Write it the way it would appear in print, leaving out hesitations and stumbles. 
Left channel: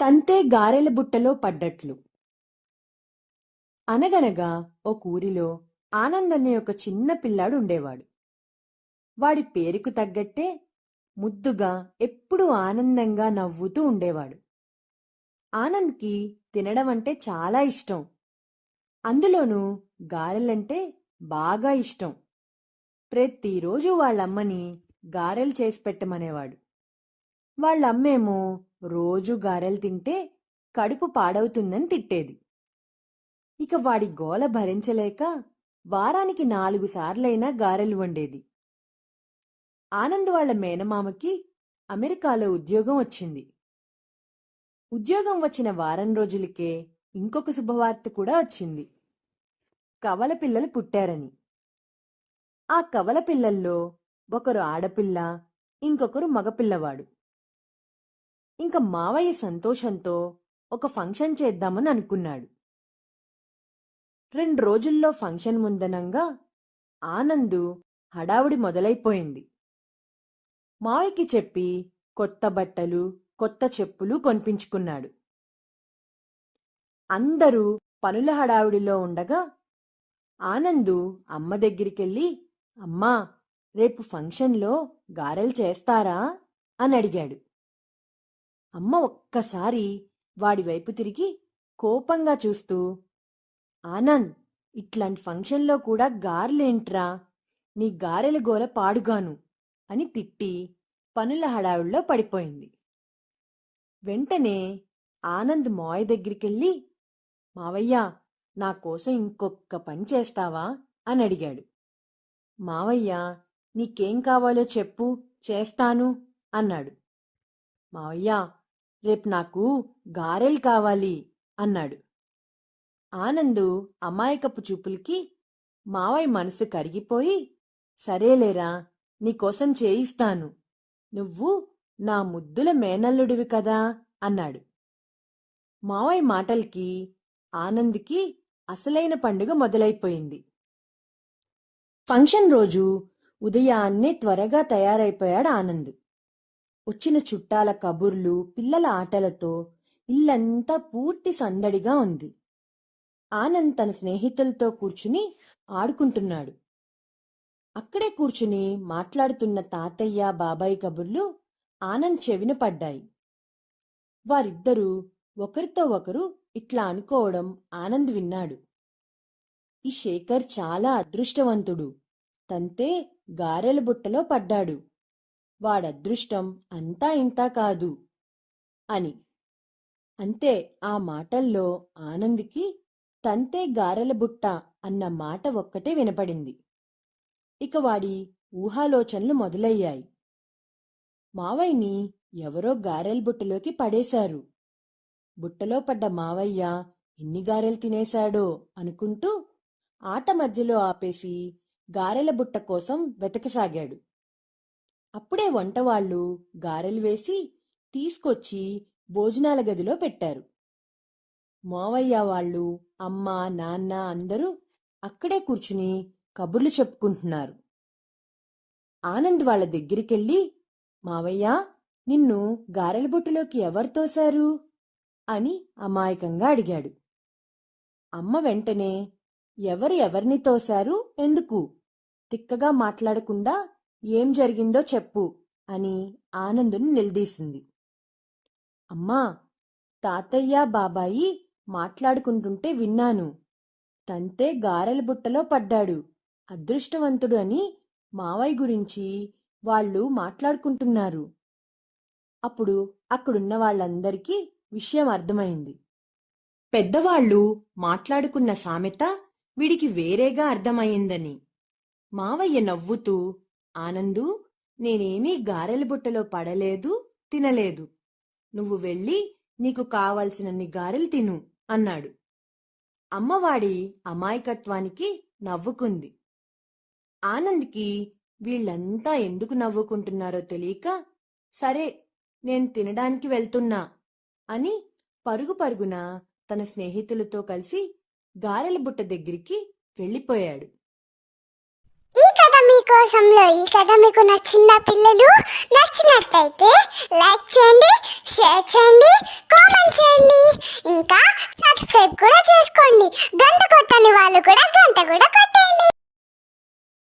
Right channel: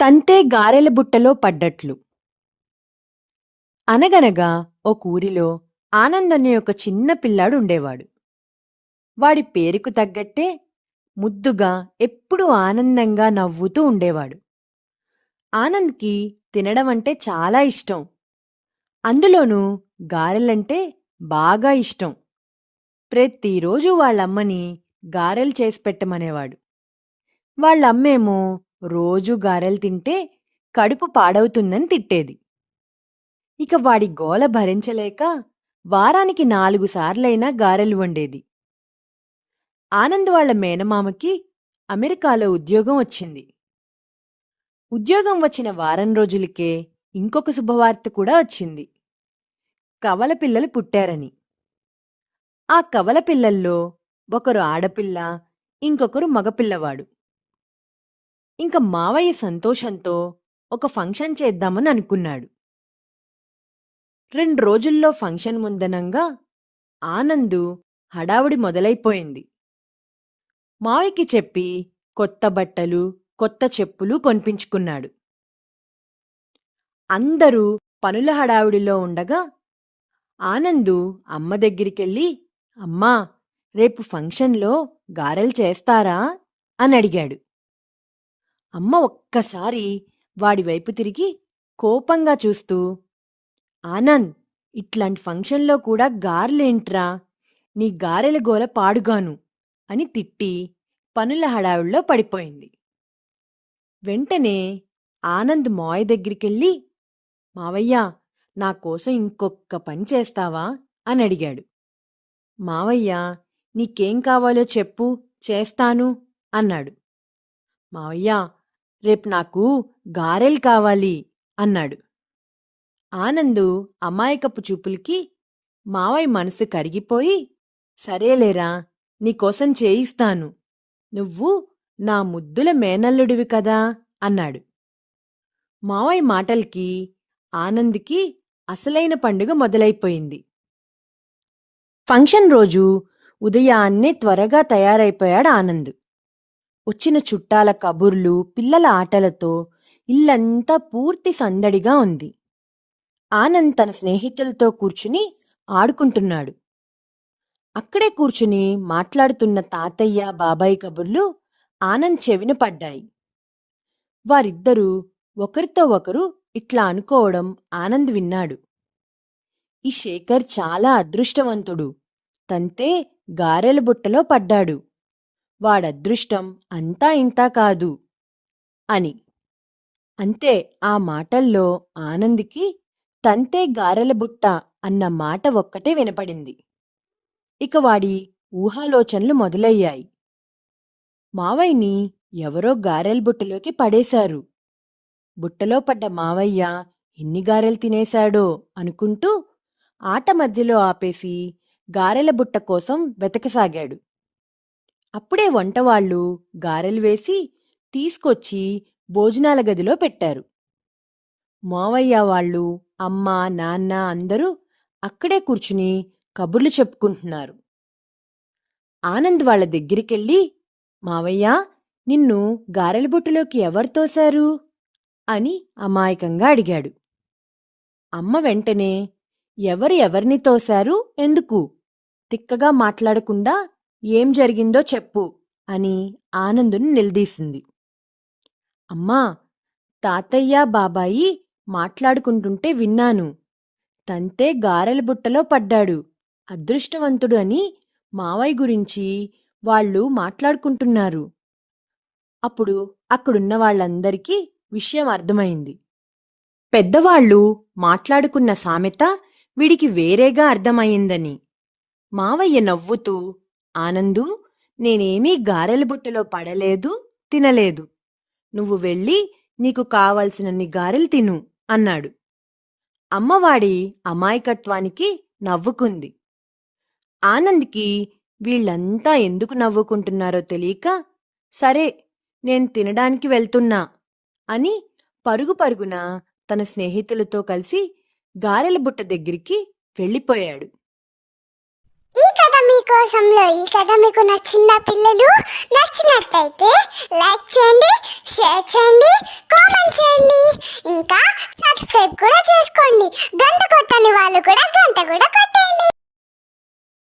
తంతే గారెల బుట్టలో పడ్డట్లు. అనగనగా ఒక ఊరిలో ఆనంద్ అనే ఒక చిన్న పిల్లాడు ఉండేవాడు. వాడి పేరుకు తగ్గట్టే ముద్దుగా ఎప్పుడూ ఆనందంగా నవ్వుతూ ఉండేవాడు. ఆనంద్‌కి తినడం అంటే చాలా ఇష్టం. అందులోనూ గారెలంటే బాగా ఇష్టం. ప్రతిరోజు వాళ్ళమ్మని గారెలు చేసి పెట్టమనేవాడు. వాళ్ళమ్మేమో రోజూ గారెలు తింటే కడుపు పాడవుతుందని తిట్టేది. ఇక వాడి గోల భరించలేక వారానికి 4 సార్లైనా గారెలు వండేది. ఆనంద్ వాళ్ళ మేనమామకి అమెరికాలో ఉద్యోగం వచ్చింది. ఉద్యోగం వచ్చిన వారం రోజులకే ఇంకొక శుభవార్త కూడా వచ్చింది. కవల పిల్లలు పుట్టారని. ఆ కవల పిల్లల్లో ఒకరు ఆడపిల్ల, ఇంకొకరు మగపిల్లవాడు. ఇంక మావయ్య సంతోషంతో ఒక ఫంక్షన్ చేద్దామని అనుకున్నాడు. 2 రోజుల్లో ఫంక్షన్ ముందనంగా ఆనందు హడావుడి మొదలైపోయింది. మావయ్యకి చెప్పి కొత్త బట్టలు, కొత్త చెప్పులు కొనిపించుకున్నాడు. అందరూ పనుల హడావుడిలో ఉండగా ఆనందు అమ్మ దగ్గరికెళ్ళి, అమ్మా, రేపు ఫంక్షన్లో గారెలు చేస్తారా అని అడిగాడు. అమ్మ ఒక్కసారి వాడివైపు తిరిగి కోపంగా చూస్తూ, ఆనంద్, ఇట్లాంటి ఫంక్షన్లో కూడా గారెలేంట్రా, నీ గారెల గోల పాడుగాను అని తిట్టి పనుల హడావుడిలో పడిపోయింది. వెంటనే ఆనంద్ మావయ్య దగ్గరికెళ్ళి, మావయ్య, నా కోసం ఇంకొక్క పని చేస్తావా అని అడిగాడు. మావయ్య, నీకేం కావాలో చెప్పు, చేస్తాను అన్నాడు. మావయ్య, రేపు నాకు గారెలు కావాలి అన్నాడు. ఆనందు అమాయకపు చూపులకి మావయ్య మనసు కరిగిపోయి, సరేలేరా, నీకోసం చేయిస్తాను, నువ్వు నా ముద్దుల మేనల్లుడివి కదా అన్నాడు. మావయ్య మాటలకి ఆనంద్‌కి అసలైన పండుగ మొదలైపోయింది. ఫంక్షన్ రోజు ఉదయాన్నే త్వరగా తయారైపోయాడు ఆనంద్. వచ్చిన చుట్టాల కబుర్లు, పిల్లల ఆటలతో ఇల్లంతా పూర్తి సందడిగా ఉంది. ఆనంద్ తన స్నేహితులతో కూర్చుని ఆడుకుంటున్నాడు. అక్కడే కూర్చుని మాట్లాడుతున్న తాతయ్య, బాబాయ్ కబుర్లు ఆనంద్ చెవిన పడ్డాయి. వారిద్దరూ ఒకరితో ఒకరు ఇట్లా అనుకోవడం ఆనంద్ విన్నాడు. ఈ శేఖర్ చాలా అదృష్టవంతుడు. తంతే గారెల బుట్టలో పడ్డాడు. వాడదృష్టం అంతా ఇంతా కాదు అని. అంతే, ఆ మాటల్లో ఆనంద్‌కి తంతే గారెల బుట్ట అన్న మాట ఒక్కటే వినపడింది. ఇక వాడి ఊహాలోచనలు మొదలయ్యాయి. మావయ్యని ఎవరో గారెల బుట్టలోకి పడేశారు. బుట్టలో పడ్డ మావయ్య ఎన్ని గారెలు తినేశాడో అనుకుంటూ ఆట మధ్యలో ఆపేసి గారెల బుట్ట కోసం వెతకసాగాడు. అప్పుడే వంటవాళ్ళు గారెలు వేసి తీసుకొచ్చి భోజనాల గదిలో పెట్టారు. మావయ్య వాళ్ళు, అమ్మ, నాన్న అందరూ అక్కడే కూర్చుని కబుర్లు చెప్పుకుంటున్నారు. ఆనంద్ వాళ్ళ దగ్గరికెళ్ళి, మావయ్య, నిన్ను గారెల బుట్టలోకి ఎవరు తోశారు అని అమాయకంగా అడిగాడు. అమ్మ వెంటనే, ఎవరు ఎవరిని తోశారు, ఎందుకు, తిక్కగా మాట్లాడకుండా ఏం జరిగిందో చెప్పు అని ఆనందుని నిలదీసింది. అమ్మా, తాతయ్య, బాబాయి మాట్లాడుకుంటుంటే విన్నాను. తంతే గారెల బుట్టలో పడ్డాడు, అదృష్టవంతుడు అని మావయ్య గురించి వాళ్ళు మాట్లాడుకుంటున్నారు. అప్పుడు అక్కడున్న వాళ్ళందరికీ విషయం అర్థమైంది. పెద్దవాళ్ళు మాట్లాడుకున్న సామెత వీడికి వేరేగా అర్థమయ్యిందని. మావయ్య నవ్వుతూ, ఆనందు, నేనేమీ గారెల బుట్టలో పడలేదు, తినలేదు. నువ్వు వెళ్ళి నీకు కావలసినన్ని గారెలు తిను అన్నాడు. అమ్మవాడి అమాయకత్వానికి నవ్వుకుంది. ఆనంద్‌కి వీళ్ళంతా ఎందుకు నవ్వుకుంటున్నారో తెలియక, సరే, నేను తినడానికి వెళ్తున్నా అని పరుగు పరుగున తన స్నేహితులతో కలిసి గారెల బుట్ట దగ్గరికి వెళ్ళిపోయాడు. ఈ కథ మీకు నచ్చిందా పిల్లలు? నచ్చినట్టయితే లైక్ చేయండి, షేర్ చేయండి, కామెంట్ చేయండి, ఇంకా సబ్స్క్రైబ్ కూడా చేసుకోండి. గంట కొట్టని వాళ్ళు కూడా గంట కూడా కొట్టండి.